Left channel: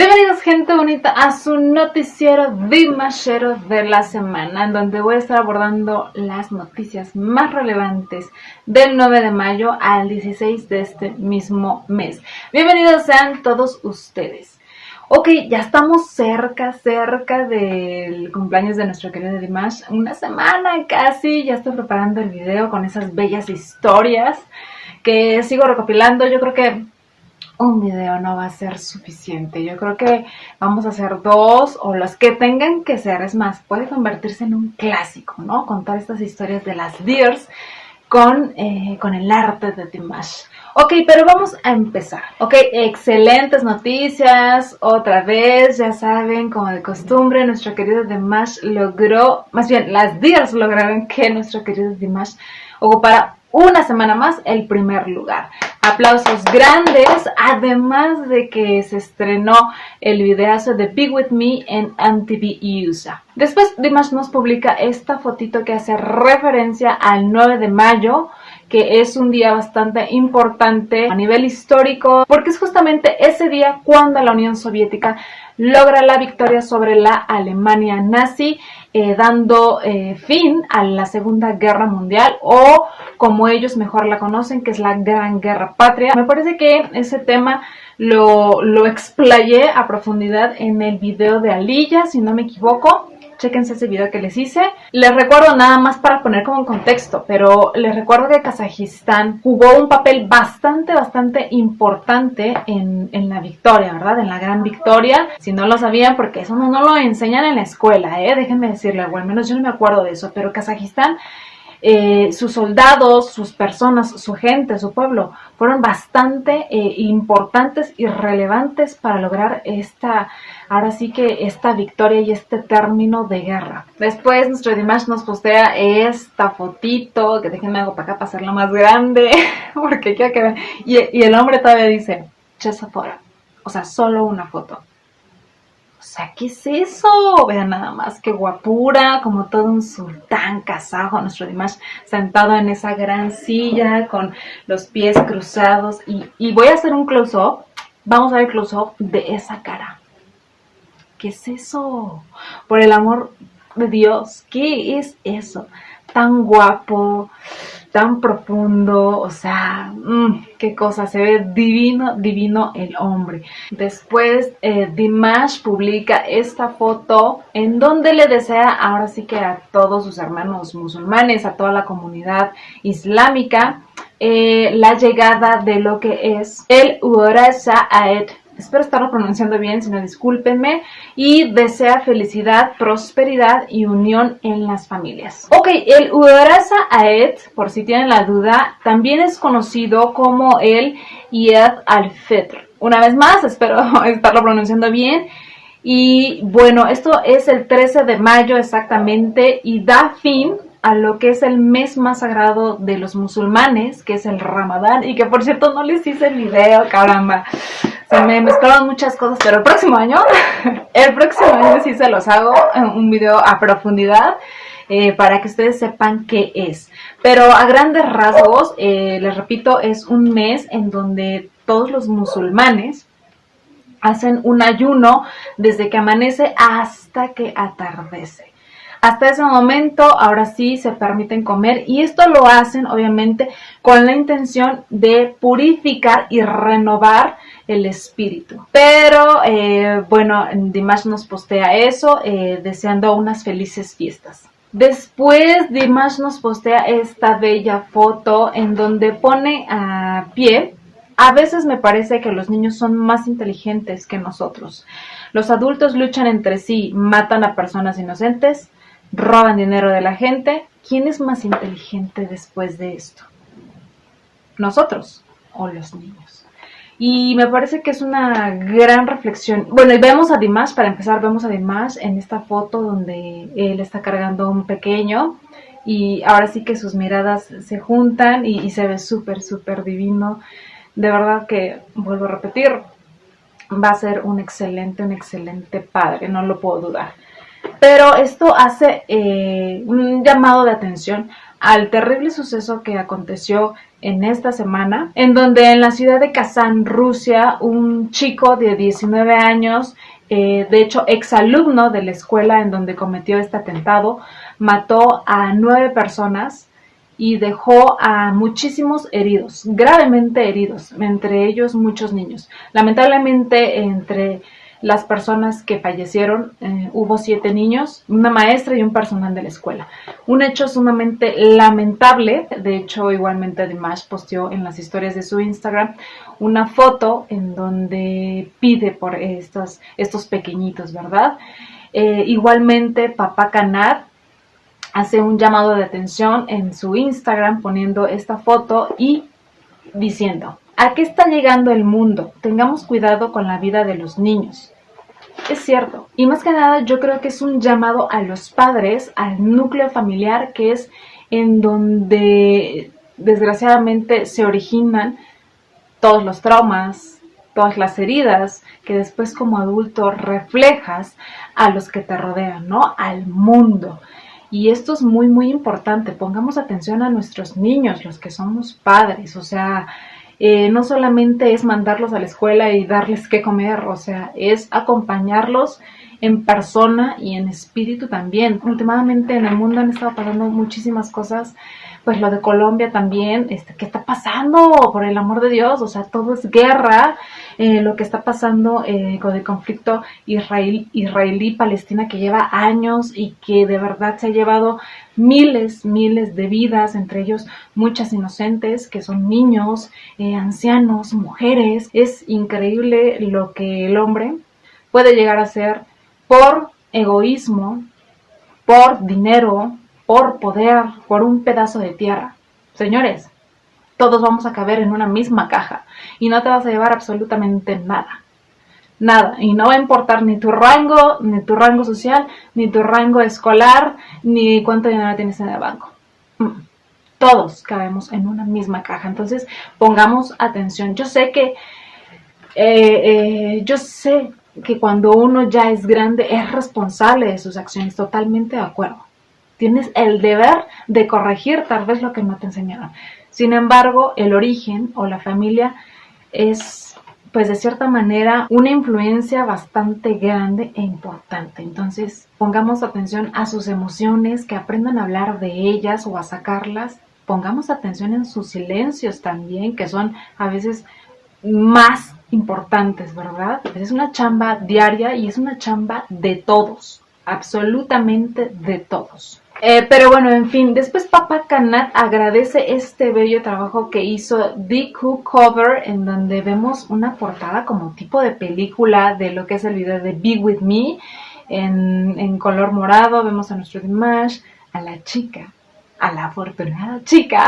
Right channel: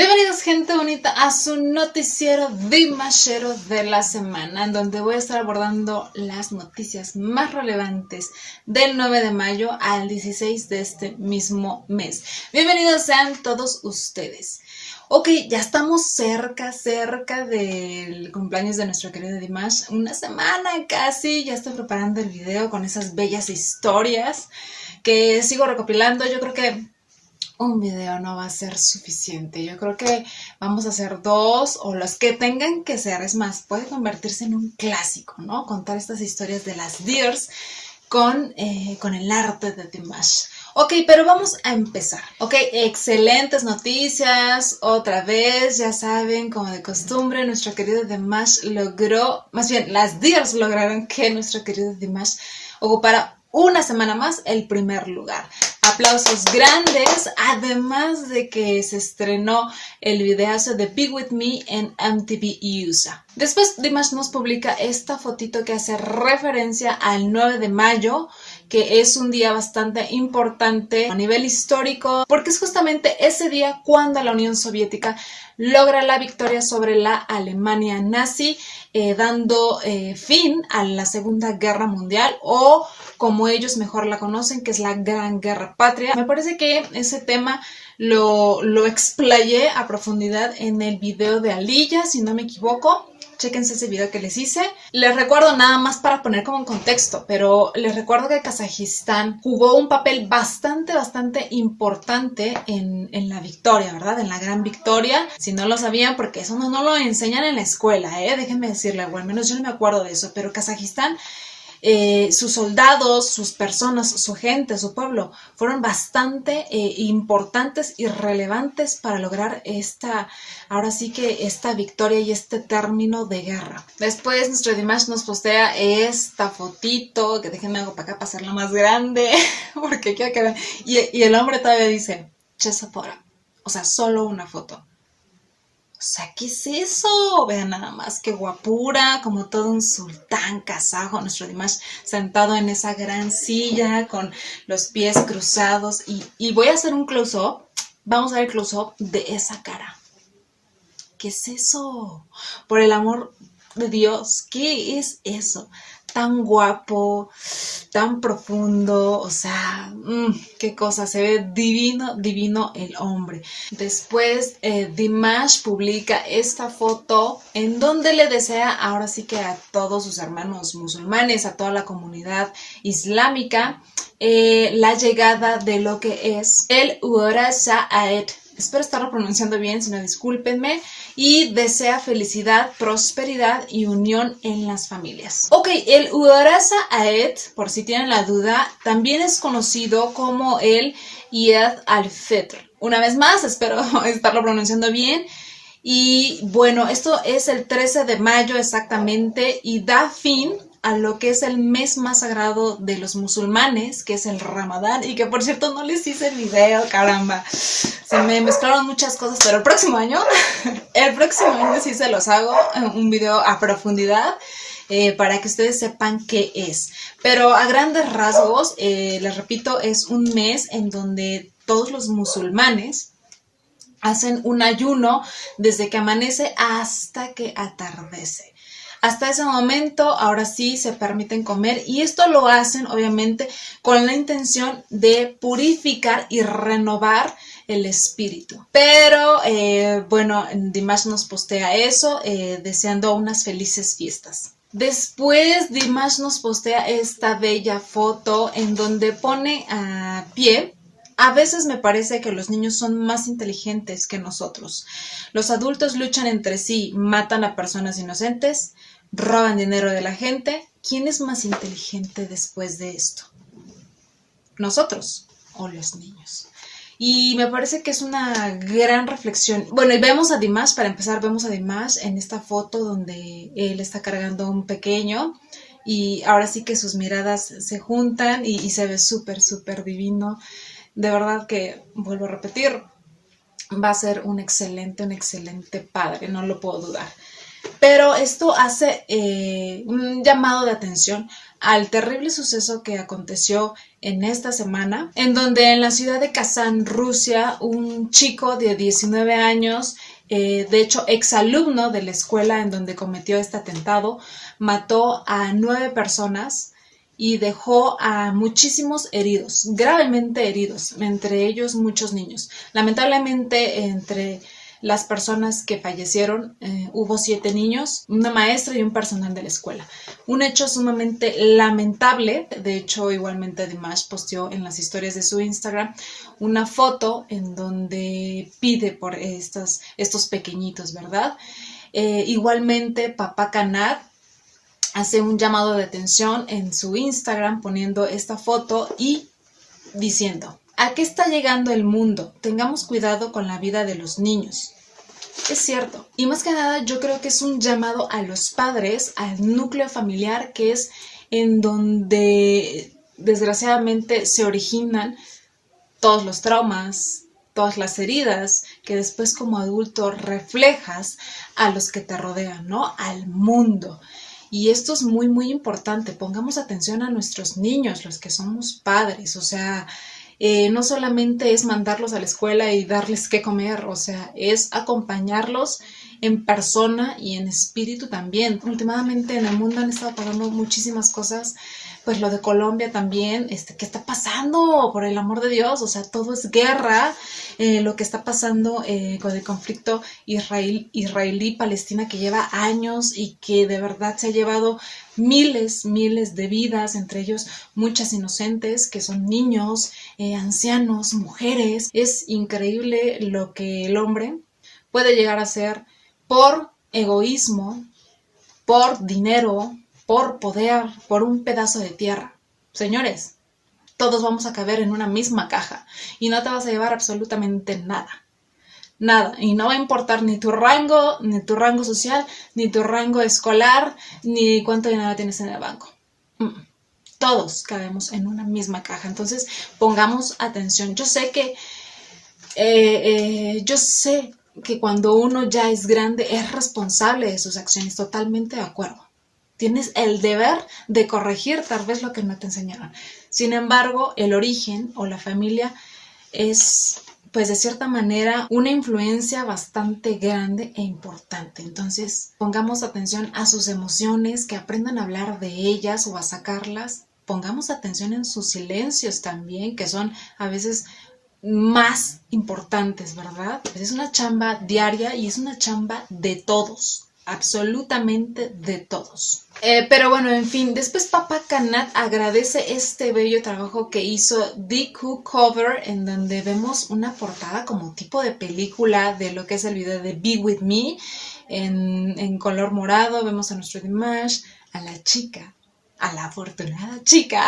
Bienvenidos, gente bonita, a su noticiero Dimashero de la semana, en donde voy a estar abordando las noticias más relevantes del 9 de mayo al 16 de este mismo mes. Bienvenidos sean todos ustedes. Ok, ya estamos cerca del cumpleaños de nuestro querido Dimash. Una semana casi, ya estoy preparando el video con esas bellas historias que sigo recopilando. Yo creo que un video no va a ser suficiente. Yo creo que vamos a hacer 2 o los que tengan que ser. Es más, puede convertirse en un clásico, ¿no? Contar estas historias de las Dears con el arte de Dimash. Ok, pero vamos a empezar. Ok, excelentes noticias. Otra vez, ya saben, como de costumbre, nuestro querido Dimash logró, más bien, las Dears lograron que nuestro querido Dimash ocupara una semana más el primer lugar. Aplausos grandes, además de que se estrenó el videazo de Be With Me en MTV USA. Después Dimash nos publica esta fotito que hace referencia al 9 de mayo, que es un día bastante importante a nivel histórico, porque es justamente ese día cuando la Unión Soviética logra la victoria sobre la Alemania nazi, dando fin a la Segunda Guerra Mundial, o como ellos mejor la conocen, que es la Gran Guerra Patria. Me parece que ese tema lo explayé a profundidad en el video de Aliyah, si no me equivoco. Chéquense ese video que les hice. Les recuerdo, nada más para poner como en contexto, pero les recuerdo que Kazajistán jugó un papel bastante importante en la victoria, ¿verdad? En la gran victoria. Si no lo sabían, porque eso no lo enseñan en la escuela, déjenme decirle, bueno, al menos yo no me acuerdo de eso, pero Kazajistán, sus soldados, sus personas, su gente, su pueblo, fueron bastante importantes y relevantes para lograr ahora sí que esta victoria y este término de guerra. Después nuestro Dimash nos postea esta fotito, que déjenme hago para acá para hacerla más grande, porque quiero que vean. Y el hombre todavía dice, Chesafora, o sea, solo una foto. O sea, ¿qué es eso? Vean nada más, qué guapura, como todo un sultán kazajo, nuestro Dimash sentado en esa gran silla con los pies cruzados. Y voy a hacer un close-up, vamos a ver el close-up de esa cara. ¿Qué es eso? Por el amor de Dios, ¿qué es eso? Tan guapo, tan profundo, o sea, qué cosa, se ve divino el hombre. Después Dimash publica esta foto en donde le desea ahora sí que a todos sus hermanos musulmanes, a toda la comunidad islámica, la llegada de lo que es el Urasa Aed. Espero estarlo pronunciando bien, si no discúlpenme. Y desea felicidad, prosperidad y unión en las familias. Ok, el Urasa Aed, por si tienen la duda, también es conocido como el Eid al-Fitr. Una vez más, espero estarlo pronunciando bien. Y bueno, esto es el 13 de mayo exactamente y da fin a lo que es el mes más sagrado de los musulmanes, que es el Ramadán, y que por cierto no les hice el video, caramba. Se me mezclaron muchas cosas, pero el próximo año sí se los hago un video a profundidad para que ustedes sepan qué es. Pero a grandes rasgos, les repito, es un mes en donde todos los musulmanes hacen un ayuno desde que amanece hasta que atardece. Hasta ese momento, ahora sí, se permiten comer y esto lo hacen, obviamente, con la intención de purificar y renovar el espíritu. Pero, bueno, Dimash nos postea eso, deseando unas felices fiestas. Después, Dimash nos postea esta bella foto en donde pone a pie. A veces me parece que los niños son más inteligentes que nosotros. Los adultos luchan entre sí, matan a personas inocentes, roban dinero de la gente. ¿Quién es más inteligente después de esto? ¿Nosotros o los niños? Y me parece que es una gran reflexión. Bueno, y vemos a Dimash, para empezar, vemos a Dimash en esta foto donde él está cargando a un pequeño. Y ahora sí que sus miradas se juntan y se ve súper divino. De verdad que, vuelvo a repetir, va a ser un excelente padre, no lo puedo dudar. Pero esto hace un llamado de atención al terrible suceso que aconteció en esta semana, en donde en la ciudad de Kazán, Rusia, un chico de 19 años, de hecho exalumno de la escuela en donde cometió este atentado, mató a 9 personas y dejó a muchísimos heridos, gravemente heridos, entre ellos muchos niños. Lamentablemente, entre las personas que fallecieron hubo 7 niños, una maestra y un personal de la escuela. Un hecho sumamente lamentable. De hecho, igualmente Dimash posteó en las historias de su Instagram una foto en donde pide por estos pequeñitos, ¿verdad? Igualmente, Papá Kanat hace un llamado de atención en su Instagram poniendo esta foto y diciendo: ¿a qué está llegando el mundo? Tengamos cuidado con la vida de los niños. Es cierto. Y más que nada yo creo que es un llamado a los padres, al núcleo familiar, que es en donde desgraciadamente se originan todos los traumas, todas las heridas que después como adulto reflejas a los que te rodean, ¿no? Al mundo. Y esto es muy, muy importante. Pongamos atención a nuestros niños, los que somos padres. O sea, no solamente es mandarlos a la escuela y darles qué comer, o sea, es acompañarlos en persona y en espíritu también. Últimamente en el mundo han estado pasando muchísimas cosas, pues lo de Colombia también, ¿qué está pasando? Por el amor de Dios, o sea, todo es guerra. Lo que está pasando con el conflicto israelí-palestina, que lleva años y que de verdad se ha llevado miles de vidas, entre ellos muchas inocentes, que son niños, ancianos, mujeres. Es increíble lo que el hombre puede llegar a hacer por egoísmo, por dinero, por poder, por un pedazo de tierra. Señores, todos vamos a caber en una misma caja y no te vas a llevar absolutamente nada. Nada. Y no va a importar ni tu rango social, ni tu rango escolar, ni cuánto dinero tienes en el banco. Todos cabemos en una misma caja. Entonces, pongamos atención. Yo sé que cuando uno ya es grande es responsable de sus acciones. Totalmente de acuerdo. Tienes el deber de corregir tal vez lo que no te enseñaron. Sin embargo, el origen o la familia es, pues de cierta manera, una influencia bastante grande e importante. Entonces, pongamos atención a sus emociones, que aprendan a hablar de ellas o a sacarlas. Pongamos atención en sus silencios también, que son a veces más importantes, ¿verdad? Es una chamba diaria y es una chamba de todos. Absolutamente de todos. Pero bueno, en fin, después Papá Kanat agradece este bello trabajo que hizo DQ Cover, en donde vemos una portada como tipo de película de lo que es el video de Be With Me, en color morado. Vemos a nuestro Dimash, a la chica, a la afortunada chica.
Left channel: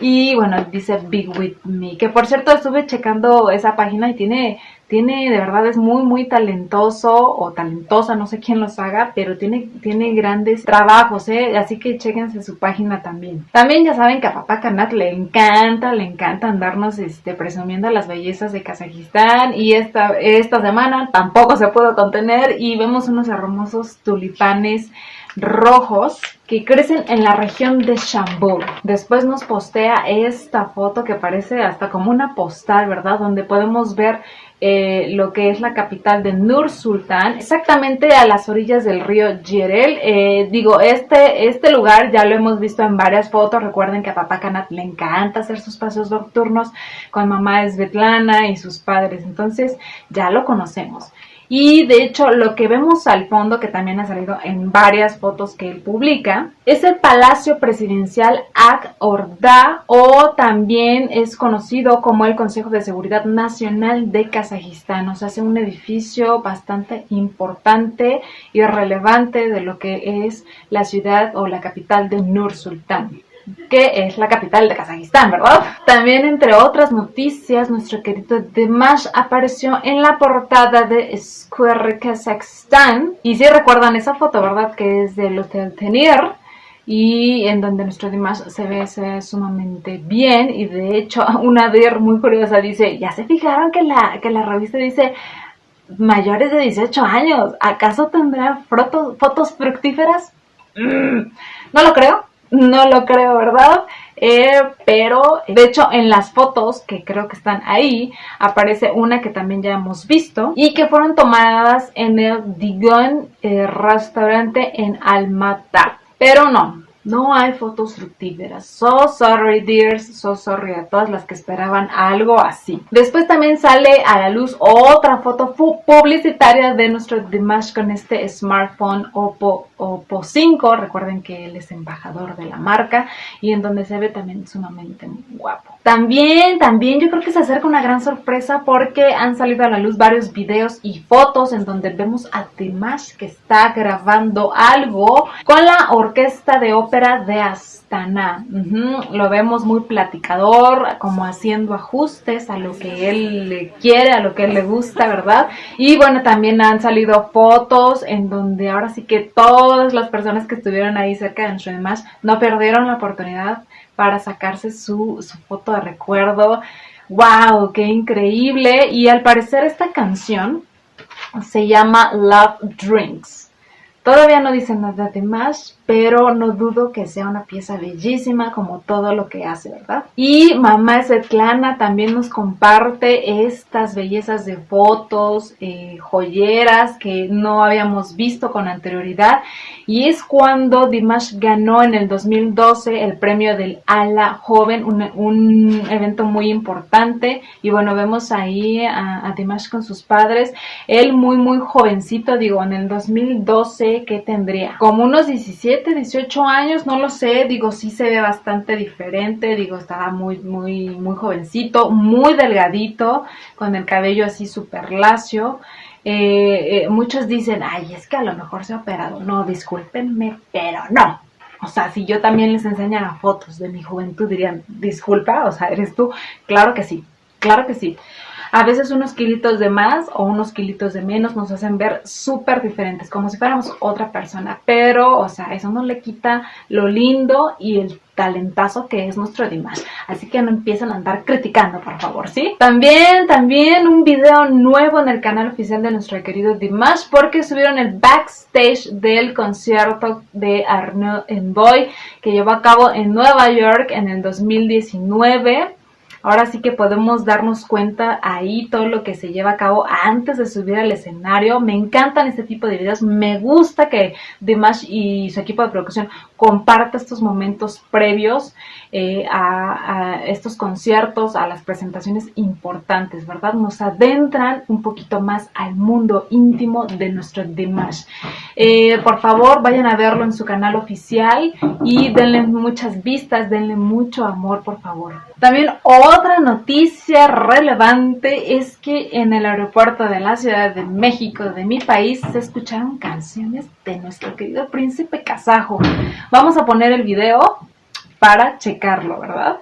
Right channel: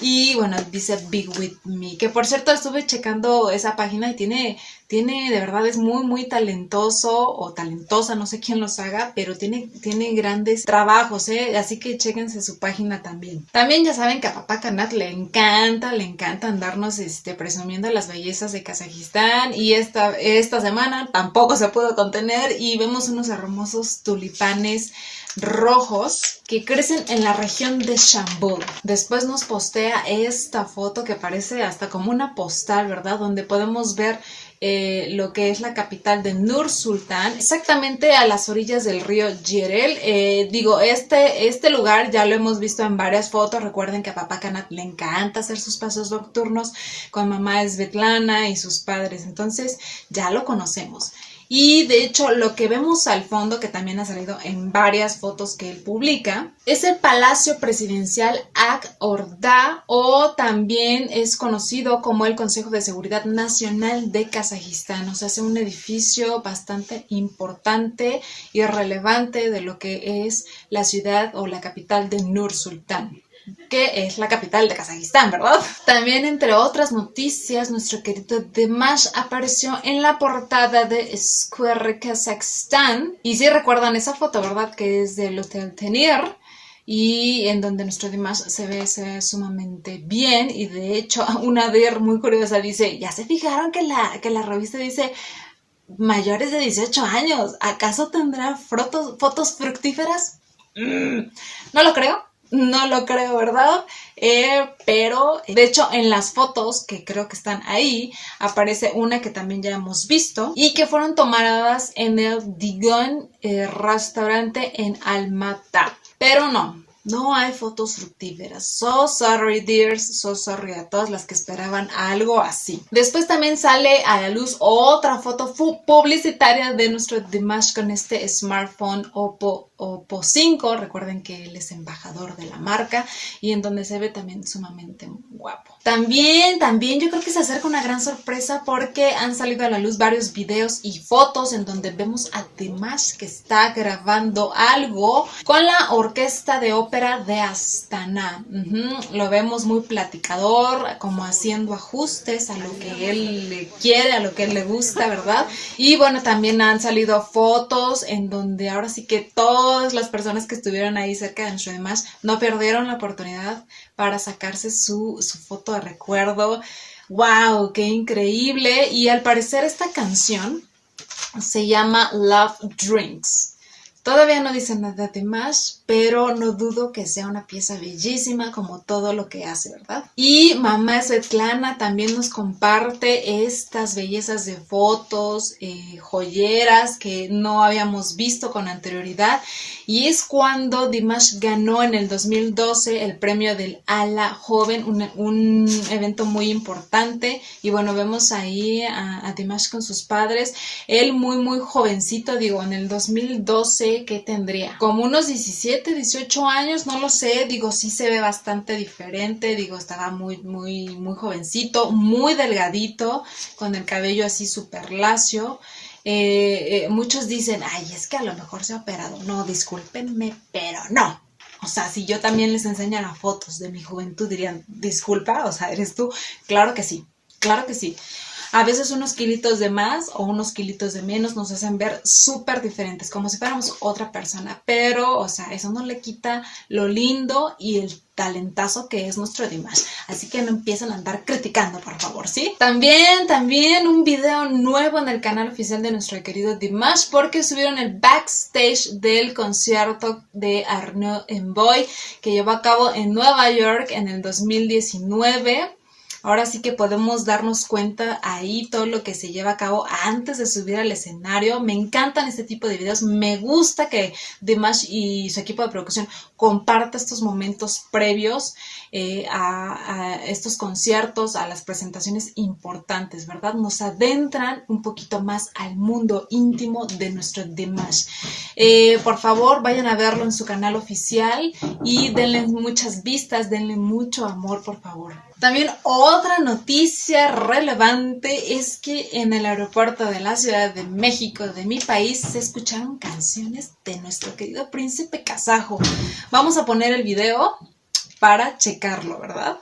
Y bueno, dice Be With Me, que por cierto estuve checando esa página y tiene de verdad, es muy, muy talentoso o talentosa, no sé quién los haga, pero tiene grandes trabajos, así que chéquense su página también. También ya saben que a Papá Kanat le encanta andarnos presumiendo las bellezas de Kazajistán, y esta semana tampoco se pudo contener y vemos unos hermosos tulipanes rojos que crecen en la región de Shambul. Después nos postea esta foto que parece hasta como una postal, ¿verdad? Donde podemos ver lo que es la capital de Nur Sultan, exactamente a las orillas del río Yerel. Este lugar ya lo hemos visto en varias fotos. Recuerden que a Papá Kanat le encanta hacer sus paseos nocturnos con mamá Svetlana y sus padres, entonces ya lo conocemos. Y de hecho lo que vemos al fondo, que también ha salido en varias fotos que él publica, es el Palacio Presidencial Ak Orda, o también es conocido como el Consejo de Seguridad Nacional de Kazajistán. O sea, es un edificio bastante importante y relevante de lo que es la ciudad o la capital de Nur Sultan, que es la capital de Kazajistán, ¿verdad? También, entre otras noticias, nuestro querido Dimash apareció en la portada de Square Kazakhstan. Y si recuerdan esa foto, ¿verdad? Que es del Hotel Tenir, y en donde nuestro Dimash se ve sumamente bien. Y de hecho, una DIR muy curiosa dice: ¿ya se fijaron que la revista dice mayores de 18 años? ¿Acaso tendrá fotos fructíferas? No lo creo. No lo creo, ¿verdad? Pero de hecho en las fotos que creo que están ahí aparece una que también ya hemos visto y que fueron tomadas en el Digon restaurante en Almatá. Pero no hay fotos fructíferas. So sorry, dears. So sorry a todas las que esperaban algo así. Después también sale a la luz otra foto publicitaria de nuestro Dimash con este smartphone Oppo 5. Recuerden que él es embajador de la marca y en donde se ve también sumamente guapo. También yo creo que se acerca una gran sorpresa porque han salido a la luz varios videos y fotos en donde vemos a Dimash que está grabando algo con la orquesta de ópera de Astana. Lo vemos muy platicador, como haciendo ajustes a lo que él le quiere, a lo que él le gusta, ¿verdad? Y bueno, también han salido fotos en donde ahora sí que todas las personas que estuvieron ahí cerca de nuestro Dimash no perdieron la oportunidad para sacarse su foto de recuerdo. ¡Wow! ¡Qué increíble! Y al parecer esta canción se llama Love Drinks. Todavía no dice nada de más, pero no dudo que sea una pieza bellísima como todo lo que hace, ¿verdad? Y mamá Svetlana también nos comparte estas bellezas de fotos, joyeras que no habíamos visto con anterioridad. Y es cuando Dimash ganó en el 2012 el premio del Ala Joven, un evento muy importante. Y bueno, vemos ahí a Dimash con sus padres. Él muy jovencito, digo, en el 2012, ¿qué tendría? Como unos 17, 18 años, no lo sé. Digo, sí se ve bastante diferente. Digo, estaba muy jovencito, muy delgadito, con el cabello así súper lacio. Muchos dicen, ay, es que a lo mejor se ha operado. No, discúlpenme, pero no. O sea, si yo también les enseñara fotos de mi juventud, dirían, disculpa, o sea, ¿eres tú? Claro que sí, claro que sí. A veces unos kilitos de más o unos kilitos de menos nos hacen ver súper diferentes, como si fuéramos otra persona. Pero, o sea, eso no le quita lo lindo y el talentazo que es nuestro Dimash. Así que no empiecen a andar criticando, por favor, ¿sí? También un video nuevo en el canal oficial de nuestro querido Dimash, porque subieron el backstage del concierto de Arnaud Envoy que llevó a cabo en Nueva York en el 2019. Ahora sí que podemos darnos cuenta ahí todo lo que se lleva a cabo antes de subir al escenario. Me encantan este tipo de videos. Me gusta que Dimash y su equipo de producción compartan estos momentos previos a estos conciertos, a las presentaciones importantes, ¿verdad? Nos adentran un poquito más al mundo íntimo de nuestro Dimash. Por favor, vayan a verlo en su canal oficial y denle muchas vistas, denle mucho amor, por favor. También otra noticia relevante es que en el aeropuerto de la Ciudad de México, de mi país, se escucharon canciones de nuestro querido príncipe kazajo. Vamos a poner el video para checarlo, ¿verdad?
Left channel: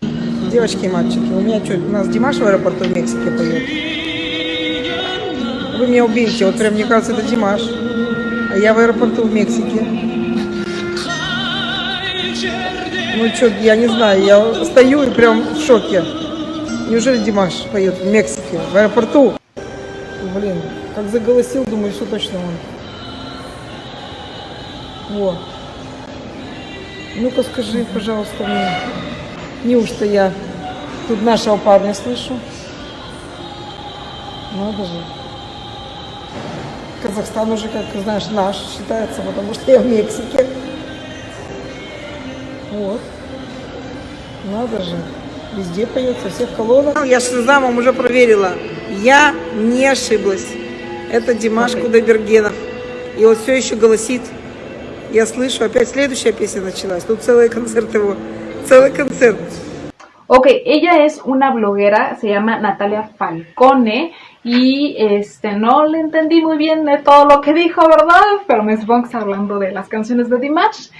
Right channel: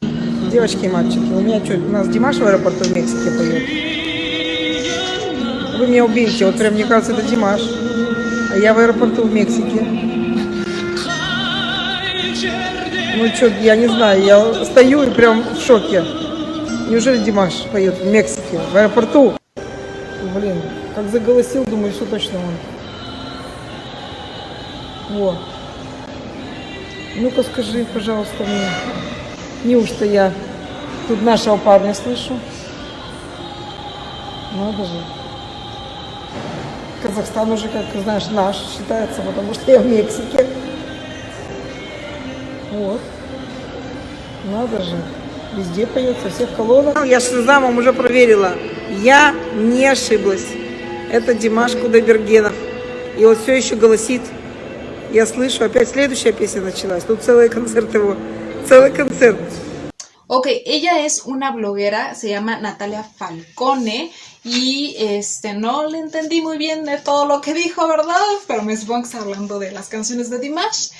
Девочки и мальчики, у меня что, у нас Димаш в аэропорту в Мексике поет. Вы меня убейте, вот прям мне кажется, это Димаш. А я в аэропорту в Мексике. Ну что, я не знаю, я стою и прям в шоке. Неужели Димаш поет в Мексике, в аэропорту? Блин, как заголосил, думаю, что точно он. Во. Ну-ка скажи, пожалуйста, мне, неужто я тут нашего парня слышу? Надо же. Казахстан уже, как знаешь, наш считается, потому что я в Мексике. Вот. Надо же. Везде поет, со всех колонок. Я Шазамом уже проверила. Я не ошиблась. Это Димаш Кудайбергенов. И он все еще голосит. Я слышу, опять следующая песня началась. Тут целый концерт его. Целый концерт. Ok, ella es una bloguera, se llama Natalia Falcone. Y no le entendí muy bien de todo lo que dijo, ¿verdad? Pero me supongo que está hablando de las canciones de Dimash.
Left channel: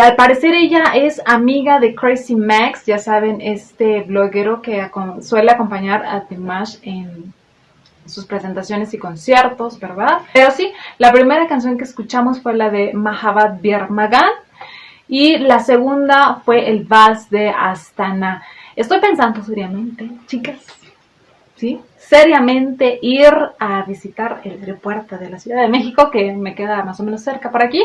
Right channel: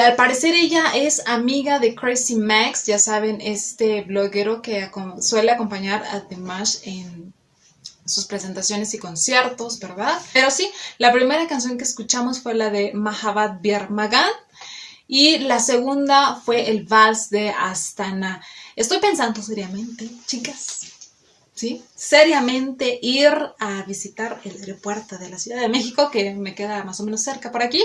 Al parecer ella es amiga de Crazy Max, ya saben, este bloguero que suele acompañar a Dimash en sus presentaciones y conciertos, ¿verdad? Pero sí, la primera canción que escuchamos fue la de Mahabbat Bir Magan y la segunda fue el Vals de Astana. Estoy pensando seriamente, chicas, ¿sí? Seriamente ir a visitar el aeropuerto de la Ciudad de México, que me queda más o menos cerca por aquí,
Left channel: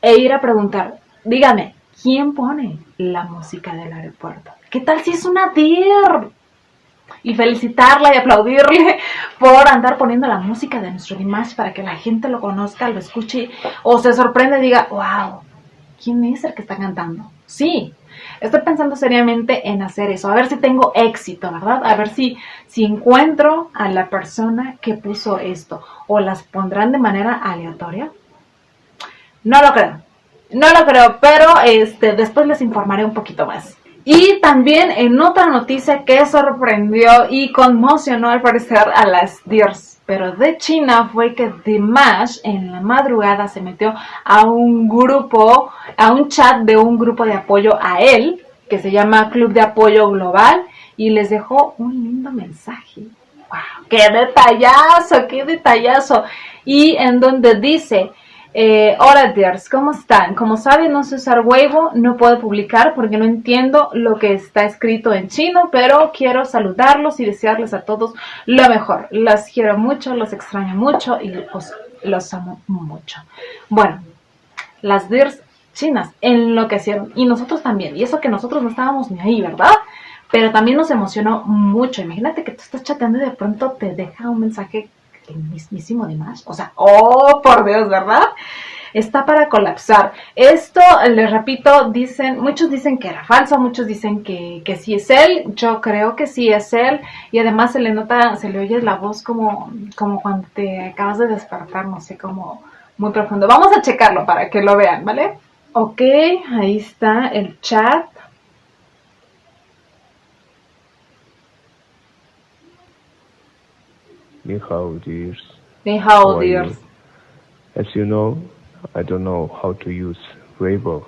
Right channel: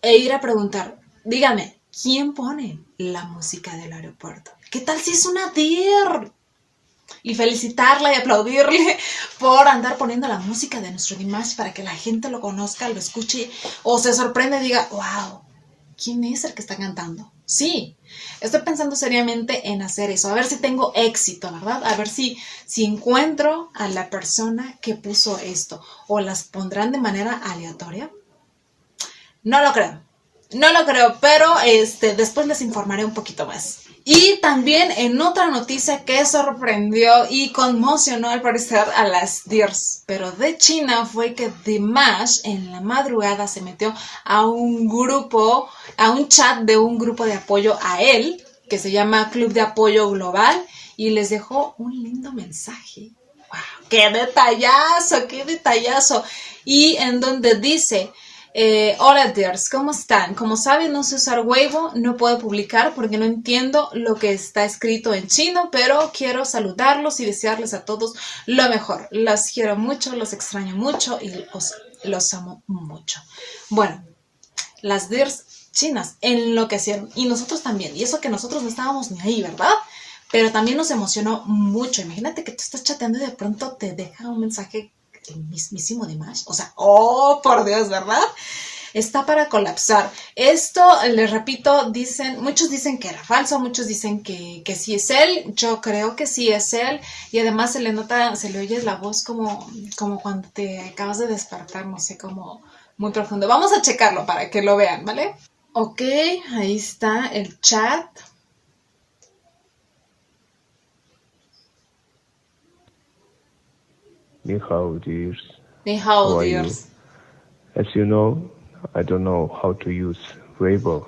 e ir a preguntar, dígame, ¿quién pone la música del aeropuerto? ¿Qué tal si es una deer? Y felicitarla y aplaudirle por andar poniendo la música de nuestro Dimash para que la gente lo conozca, lo escuche o se sorprenda y diga, wow, ¿quién es el que está cantando? Sí, estoy pensando seriamente en hacer eso, a ver si tengo éxito, ¿verdad? A ver si encuentro a la persona que puso esto o las pondrán de manera aleatoria. No lo creo, pero después les informaré un poquito más. Y también en otra noticia que sorprendió y conmocionó al parecer a las deers, pero de China, fue que Dimash en la madrugada se metió a un chat de un grupo de apoyo a él, que se llama Club de Apoyo Global, y les dejó un lindo mensaje. ¡Wow! ¡Qué detallazo! ¡Qué detallazo! Y en donde dice... hola dears, ¿cómo están? Como saben, no sé usar Weibo, no puedo publicar porque no entiendo lo que está escrito en chino, pero quiero saludarlos y desearles a todos lo mejor. Los quiero mucho, los extraño mucho y los amo mucho. Bueno, las dears chinas enloquecieron y nosotros también, y eso que nosotros no estábamos ni ahí, ¿verdad? Pero también nos emocionó mucho. Imagínate que tú estás chateando y de pronto te deja un mensaje el mismísimo Dimash, o sea, oh, por Dios, ¿verdad? Está para colapsar. Esto, les repito, muchos dicen que era falso, muchos dicen que sí es él, yo creo que sí es él, y además se le nota, se le oye la voz como cuando te acabas de despertar, no sé, como muy profundo. Vamos a checarlo para que lo vean, ¿vale? Ok, ahí está el chat. Ni hao, dears. Ni hao, How are you? dears. As you know, I don't know how to use Weibo.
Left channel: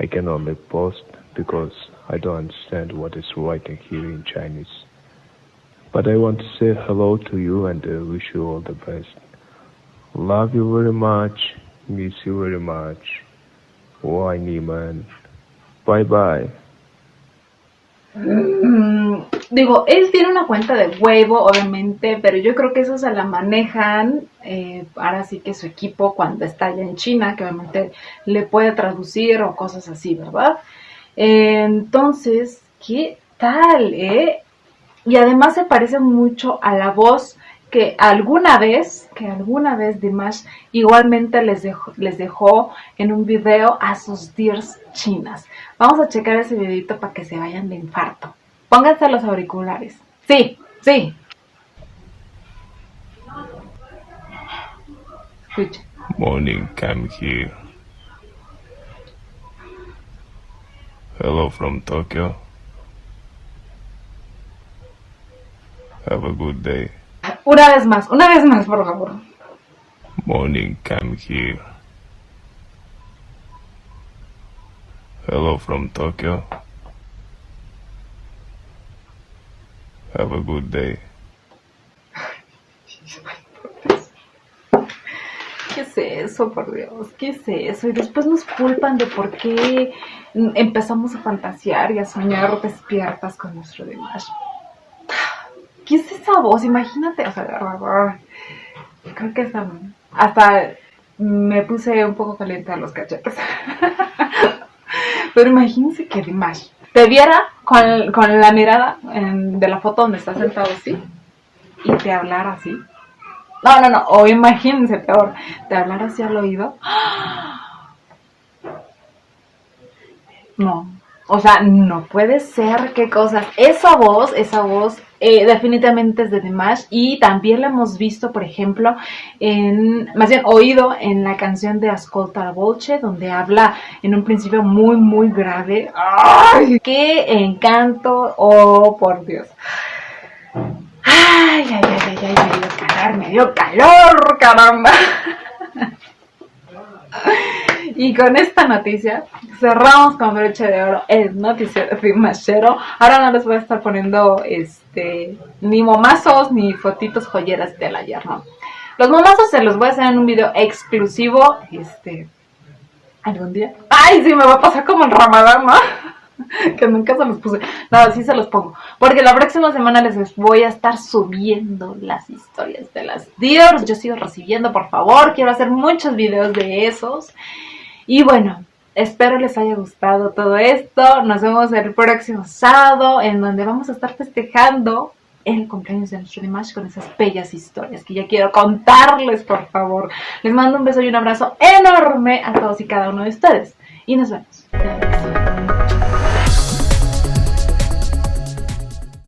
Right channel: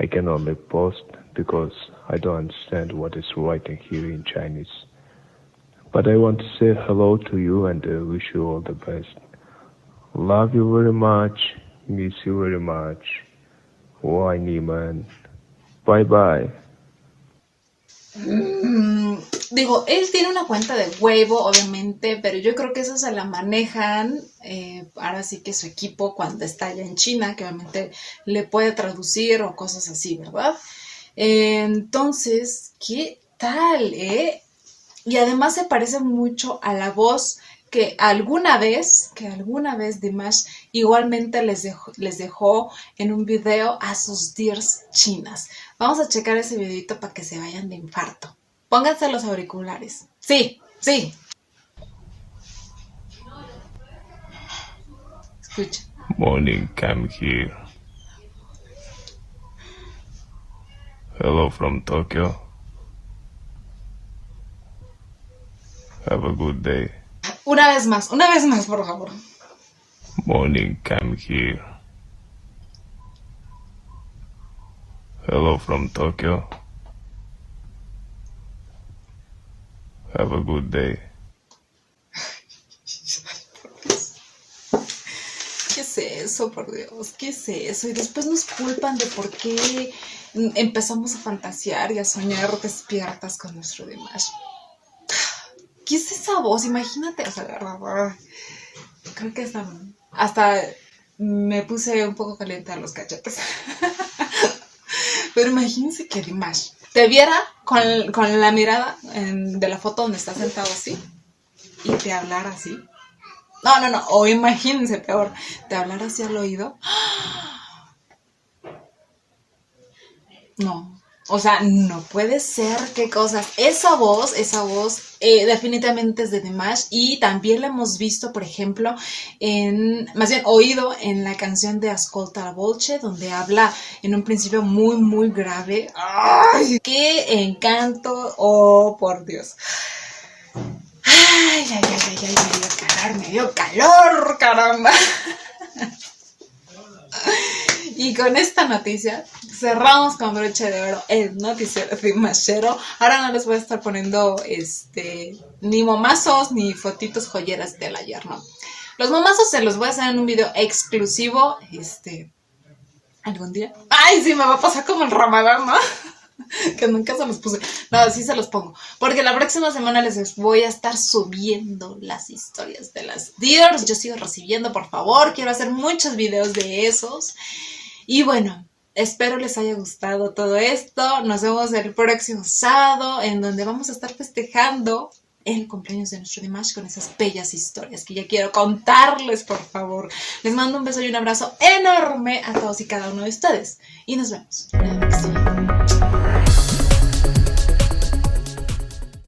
I can only post because I don't understand what is writing here in Chinese. But I want to say hello to you and wish you all the best. Love you very much. Miss you very much. Why, Niman? Bye bye. Digo, él tiene una cuenta de Weibo, obviamente, pero yo creo que eso se la manejan ahora sí que su equipo cuando está allá en China, que obviamente le puede traducir o cosas así, ¿verdad? Entonces, ¿qué tal, Y además se parece mucho a la voz que alguna vez Dimash igualmente les dejó en un video a sus dears chinas. Vamos a checar ese videito para que se vayan de infarto. Pónganse los auriculares. Sí. Escuchen. Morning, come here. Hello from Tokyo. Have a good day. Una vez más, por favor. Morning, come here. Hello from Tokyo. Have a good day. ¿Qué es eso, por Dios? ¿Qué es eso? Y después nos culpan de por qué empezamos a fantasear y a soñar despiertas con nuestro Dimash. ¿Qué es esa voz? Imagínate, o sea, de verdad, creo que hasta me puse un poco caliente a los cachetes. Pero imagínense que Dimash te viera con la mirada de la foto donde está sentado así y te hablara así. No, o imagínense peor, te hablara así al oído. No, o sea, no puede ser, qué cosas. Esa voz definitivamente es de Dimash y también la hemos visto, por ejemplo, más bien oído en la canción de Ascolta la Voce, donde habla en un principio muy, muy grave. ¡Ay! ¡Qué encanto! ¡Oh, por Dios! ¡Ay, me dio calor, caramba! Y con esta noticia cerramos con broche de oro el noticiero dimashero. Ahora no les voy a estar poniendo ni momazos ni fotitos joyeras del ayer, ¿no? Los momazos se los voy a hacer en un video exclusivo algún día. ¡Ay, sí! Me va a pasar como el Ramadán, ¿no? Que nunca se los puse. No, sí se los pongo. Porque la próxima semana les voy a estar subiendo las historias de las dears. Yo sigo recibiendo, por favor. Quiero hacer muchos videos de esos. Y bueno, Espero les haya gustado todo esto. Nos vemos el próximo sábado, en donde vamos a estar festejando el cumpleaños de nuestro Dimash con esas bellas historias que ya quiero contarles, por favor. Les mando un beso y un abrazo enorme a todos y cada uno de ustedes. Y nos vemos.